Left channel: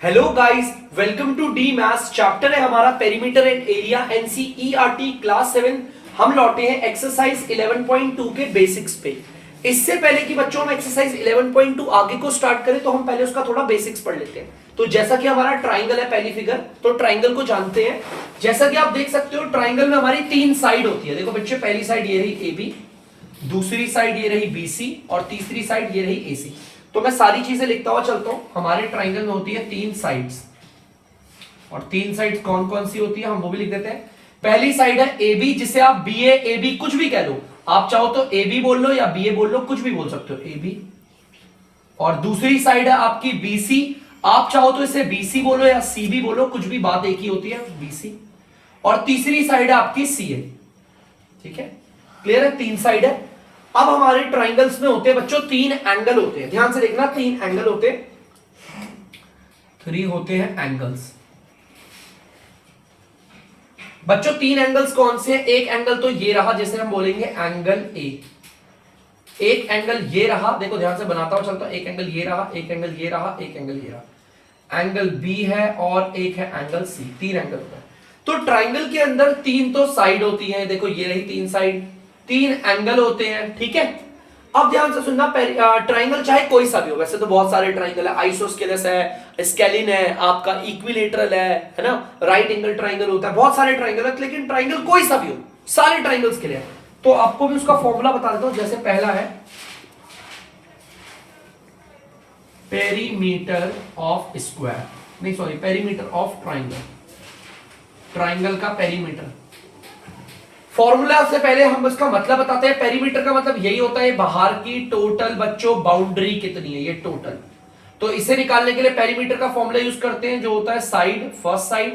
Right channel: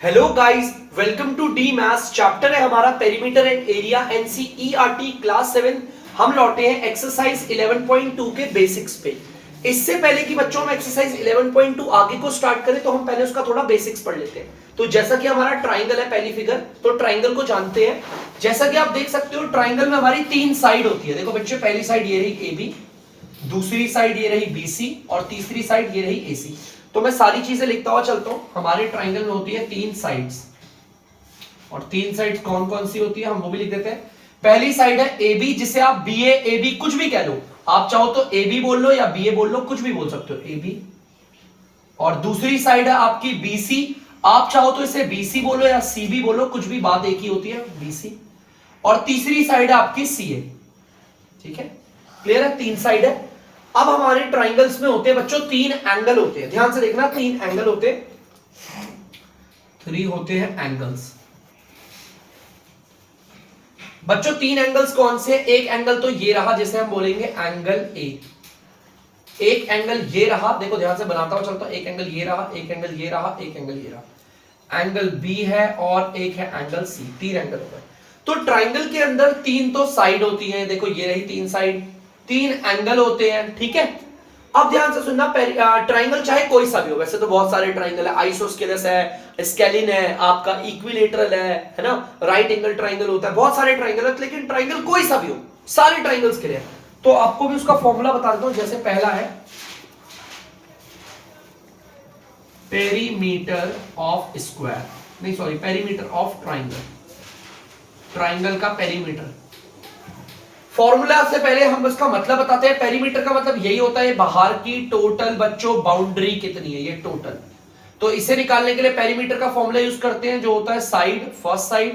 Hello guys, welcome to the maths. Chapter है हमारा perimeter and area NCERT class 7। हम लौटे हैं एक्सरसाइज 11.2 के बेसिक्स पे। इससे पहले कि बच्चों हम एक्सरसाइज 11.2 आगे को स्टार्ट करें तो हम पहले उसका थोड़ा बेसिक्स पढ़ लेते हैं। तो जैसा कि हमारा ट्राइंगल है पहली फिगर, तो ट्राइंगल को जानते हैं। जैसा कि आप देख सकते हो ट्राइंगल में हमारी तीन साइड होती है। देखो बच्चे, पहली साइड ये रही ए बी, दूसरी साइड ये रही बी सी और तीसरी साइड ये रही ए सी। तो मैं सारी चीजें लिखता हुआ चलता हूं। हमारे ट्राइंगल में होती है तीन साइड्स, और तीन साइड्स कौन कौन सी होती है हम वो भी लिख देते हैं। पहली साइड है ए बी, जिसे आप बी ए बी कुछ भी कह लो। आप चाहो तो ए बी बोल लो या बी ए बोल लो, कुछ भी बोल सकते हो, ए बी। और दूसरी साइड है आपकी बी सी, आप चाहो तो इसे बी सी बोलो या सी बी बोलो, कुछ भी, बात एक ही होती है, बी सी। और तीसरी साइड है आपकी सी ए। ठीक है, क्लियर है? तीन साइड है। अब हमारे ट्राइंगल्स में होते हैं बच्चों तीन एंगल होते हैं। ध्यान से देखना, तीन एंगल होते हैं, थ्री होते हैं एंगल्स। बच्चों तीन एंगल्स कौन से हैं? एक एंगल तो ये रहा जिसे हम बोलेंगे एंगल ए। एक एंगल ये रहा, देखो ध्यान से बनाता हुआ चलता हूं। एक एंगल ये रहा, एक एंगल ये रहा, एक एंगल ये रहा। एंगल बी है और एक है एंगल सी। तीन एंगल होते हैं। तो ट्राइंगल के अंदर तीन तो साइड होती है। देखो ये रही तीन साइड, तीन एंगल होते हैं। ठीक है, अब ध्यान से सुनना। ट्राइंगल चाहे कोई सा भी हो, वैसे तो बहुत सारे ट्राइंगल है, आइसोस्केलस है, स्केलिन है, आपका इक्विलेटरल है ना, राइट एंगल ट्राइंगल होता है, बहुत सारे ट्राइंगल है। लेकिन ट्राइंगल कोई सा भी हो, सारे ट्राइंगल्स के लिए। तो आपको भी उसका फॉर्मूला बता देता हूं। जैसे पहला है पेरीमीटर ऑफ स्क्वायर, नहीं sorry, perimeter of triangle. Triangle का पेरीमीटर फॉर्मूला से पहले हम इसका मतलब बताते हैं। पेरीमीटर का मतलब यही होता है बाहर की टोटल बच्चों बाउंड्री कितनी है, ये टोटल। तो इसे निकालने के लिए पेरीमीटर का फॉर्मूला यूज करते हैं, जो होता है साइड, फर्स्ट साइड,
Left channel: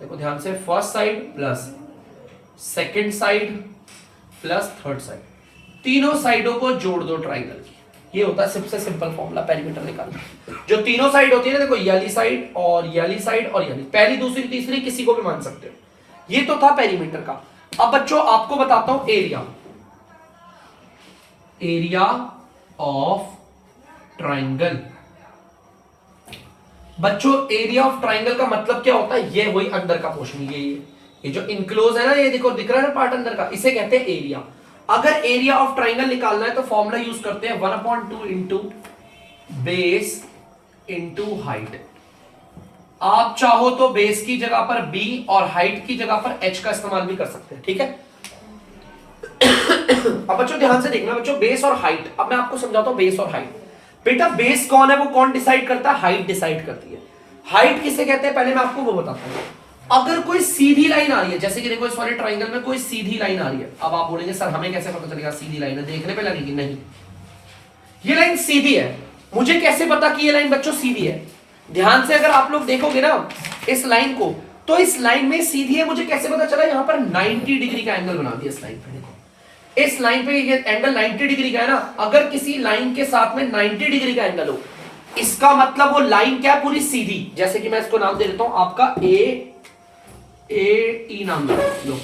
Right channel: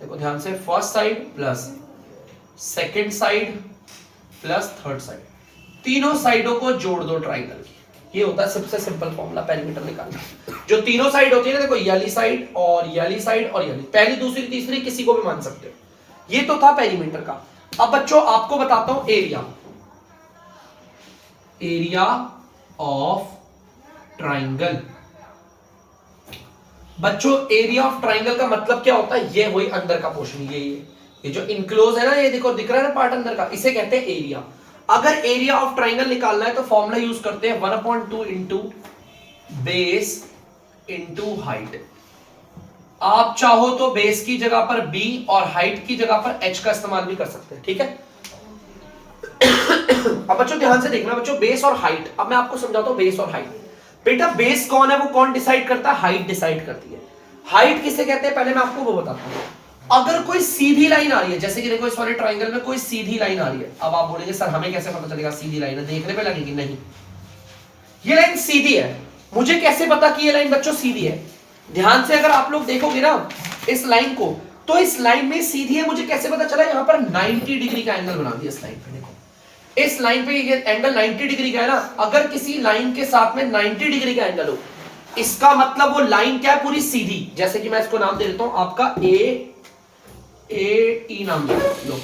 देखो ध्यान से, first side plus second side plus third side, तीनों साइडों को जोड़ दो ट्राइंगल की। ये होता है सबसे सिंपल फॉर्मूला पेरीमीटर निकालना। जो तीनों साइड होती है ना, देखो ये वाली साइड और ये वाली साइड और ये वाली, पहली दूसरी तीसरी किसी को भी मान सकते हो। ये तो था पेरीमीटर का। अब बच्चों आपको बताता हूं एरिया। Area of triangle. बच्चों एरिया ऑफ ट्राइंगल का मतलब क्या होता है? ये वही अंदर का पोर्शन, ये जो इनक्लोज है ना, ये देखो दिख रहा है ना पार्ट अंदर का, इसे कहते हैं एरिया। अगर एरिया ऑफ ट्राइंगल निकालना है तो फॉर्मूला यूज करते हैं 1/2 इंटू बेस इंटू हाइट। आप चाहो तो बेस की जगह पर b और हाइट की जगह पर h का इस्तेमाल भी कर सकते हैं। ठीक है, अब बच्चों ध्यान से देखना बच्चों, बेस और हाइट। अब मैं आपको समझाता हूं बेस और हाइट। बेटा बेस कौन है, वो कौन डिसाइड करता है? हाइट डिसाइड करती है। हाइट किसे कहते हैं पहले मैं आपको वो बताता हूं। अगर कोई सीधी लाइन आ रही है, जैसे कि देखो इस वाले ट्राइंगल में कोई सीधी लाइन आ रही है। अब आप बोलेंगे सर हमें कैसे पता चलेगा सीधी लाइन है, देखने पे लगेगी? नहीं, ये लाइन सीधी है। मुझे कैसे पता कि ये लाइन बच्चों सीधी है? ध्यान से अगर आप लोग देखोगे ना इस लाइन को, तो इस लाइन में सीधी है। मुझे कैसे पता चला? यहां पर 90 डिग्री का एंगल बना दिया इस लाइन पे। देखो इस लाइन पे ये एंगल 90 डिग्री का है ना। अगर किसी लाइन के साथ में 90 डिग्री का एंगल हो, इसका मतलब वो लाइन क्या है? पूरी सीधी। जैसे कि मैं इसको नाम दे देता हूं आपका ए ई नाम लो।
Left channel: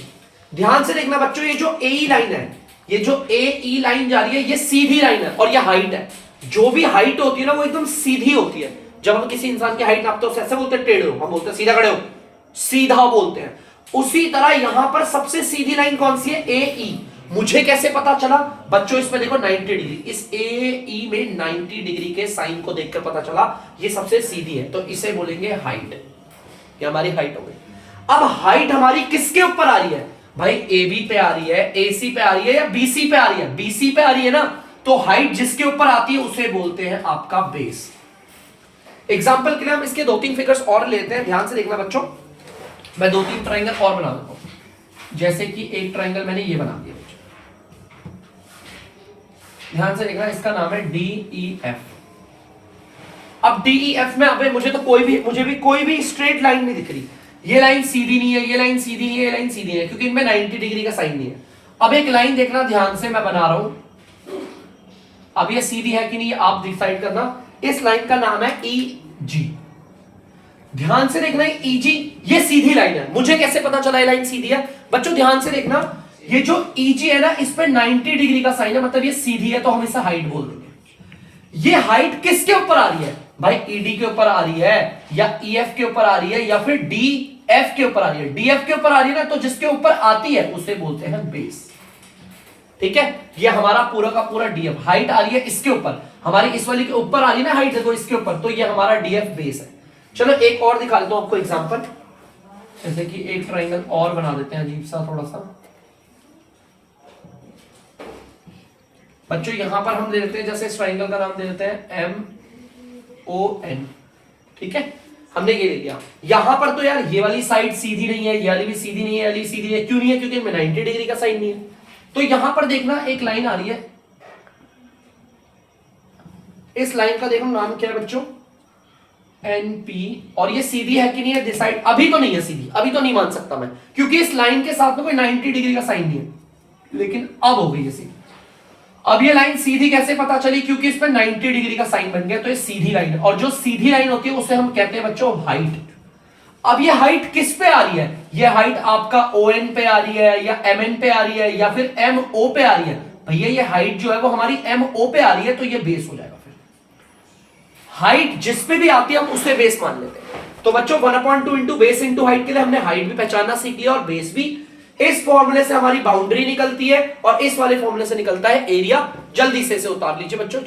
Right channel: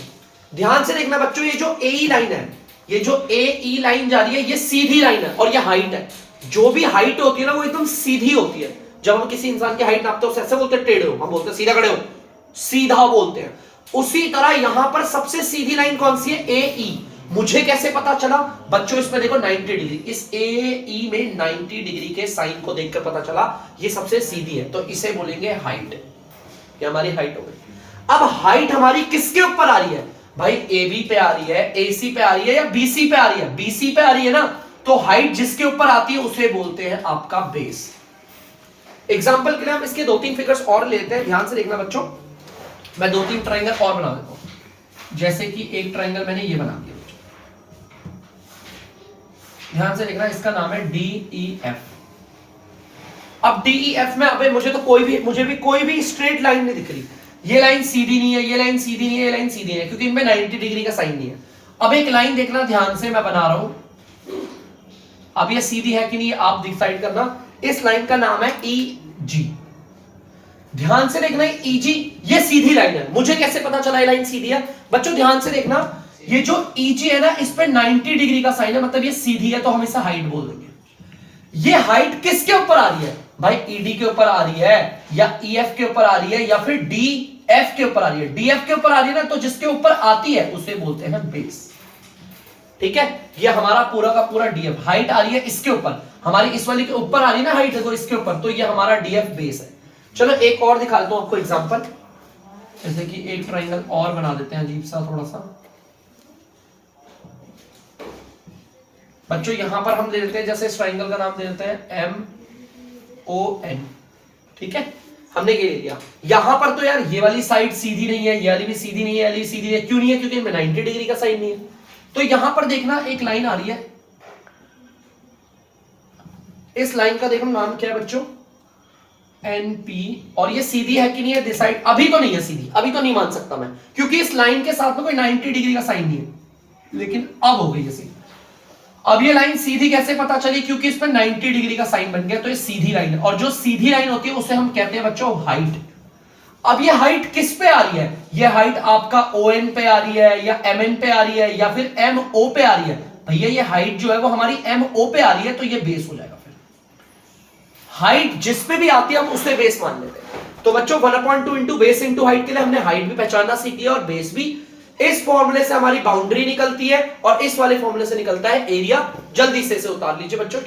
ध्यान से देखना बच्चों, ये जो ए ई लाइन है, ये जो ए ई लाइन जा रही है, ये सीधी लाइन है और ये हाइट है। जो भी हाइट होती है ना, वो एकदम सीधी होती है। जब हम किसी इंसान की हाइट नापते हैं उसे ऐसे बोलते हैं टेढ़े हो, हम बोलते हैं सीधा खड़े हो, सीधा बोलते हैं। उसी तरह यहां पर सबसे सीधी लाइन कौन सी है? ए ई। मुझे कैसे पता चला बच्चों? इसमें देखो 90 डिग्री, इस ए ई में 90 डिग्री के साइन को देखकर पता चला ये सबसे सीधी है, तो इसे बोलेंगे हाइट। ये हमारी हाइट हो गई। अब हाइट हमारी किसके ऊपर आ रही है भाई? ए बी पे आ रही है, ए सी पे आ रही है या बी सी पे आ रही है? बी सी पे आ रही है ना, तो हाइट जिसके ऊपर आती है उसे बोलते हैं आपका बेस। एग्जाम्पल के लिए हम इसके दो तीन फिगर्स और लेते हैं। ध्यान से देखना बच्चों, मैं दो तीन ट्राइंगल और बना देता हूं। जैसे कि एक ट्राइंगल मैंने ये बना दिया, ध्यान से देखना, इसका नाम है डी ई एफ। अब डी ई एफ में अब मुझे भी कोई भी स्ट्रेट लाइन नहीं दिख रही। ये लाइन सीधी नहीं है, ये लाइन सीधी नहीं है, ये लाइन सीधी नहीं है, क्योंकि इनमें 90 डिग्री का साइन नहीं है। अब एक लाइन देखना ध्यान से, मैं बना रहा हूं। अब ये सीधी है कि नहीं आप डिसाइड करना। इस लाइन का नाम है ई जी। ध्यान से देखना, ई जी ये सीधी लाइन है। मुझे कैसे पता चला ये लाइन सीधी है? बच्चों ध्यान से देखना, ये जो ई जी है ना, इस पे 90 डिग्री का साइन है, मतलब ये सीधी है, तो हम इसे हाइट बोल देंगे। ये हाइट किसके ऊपर आ रही है भाई? ईडी के ऊपर आ रही है या ईएफ के ऊपर आ रही है या फिर डीएफ के ऊपर आ रही है? डीएफ के ऊपर आ रही है ना, तो जिसके ऊपर आती है उसे बोलते हैं बेस। ठीक है, ये हमारा पूरा का पूरा डीएफ हाइट आ रही है इसके ऊपर, हमारी इस वाली के ऊपर आ रही है ना हाइट, देखो इसके ऊपर, तो ये हमारा डीएफ बेस है। चलो एक और दिखा देता हूं आपको एग्जांपल, जैसे कि एक ट्रायंगल और बना देते हैं अजीब सा थोड़ा सा। बच्चों यहां पर हम दे देते हैं, जैसे इस ट्रायंगल का नाम दे देते हैं MON। ठीक है, हमने ये ले लिया। यहां पर तो यार ये वाली साइड सीधी नहीं है, ये वाली भी सीधी नहीं है, ये वाली भी सीधी है, क्यों नहीं है? क्योंकि इनमें 90 डिग्री का साइन नहीं है। तो यहां पर देखना एक लाइन आ रही है, इस लाइन का देखो नाम क्या है बच्चों? NP। और ये सीधी है कि नहीं है? दिस साइड अभी तो नहीं है सीधी, अभी तो नहीं मान सकता मैं, क्योंकि इस लाइन के साथ में कोई 90 डिग्री का साइन नहीं है, लेकिन अब हो गई ये सीधी। अब ये लाइन सीधी कैसे पता चली? क्योंकि इस पर 90 डिग्री का साइन बन गया, तो ये सीधी लाइन है। और जो सीधी लाइन होती है उसे हम कहते हैं बच्चों हाइट। अब ये हाइट किस पे आ रही है? ये हाइट आपका ON पे आ रही है या MN पे आ रही है या फिर MO पे आ रही है? भैया ये हाइट जो है वो हमारी MO पे आ रही है, तो ये बेस हो जाएगा। फिर हाइट जिस पे भी आती है हम उसे बेस मान लेते हैं। तो बच्चों 1/2 इंटू बेस इंटू हाइट के लिए हमने हाइट भी पहचानना सीख लिया और बेस भी। इस फॉर्मूले से हमारी बाउंड्री निकलती है और इस वाले फॉर्मूले से निकलता है एरिया। जल्दी से इसे उतार लीजिए बच्चों।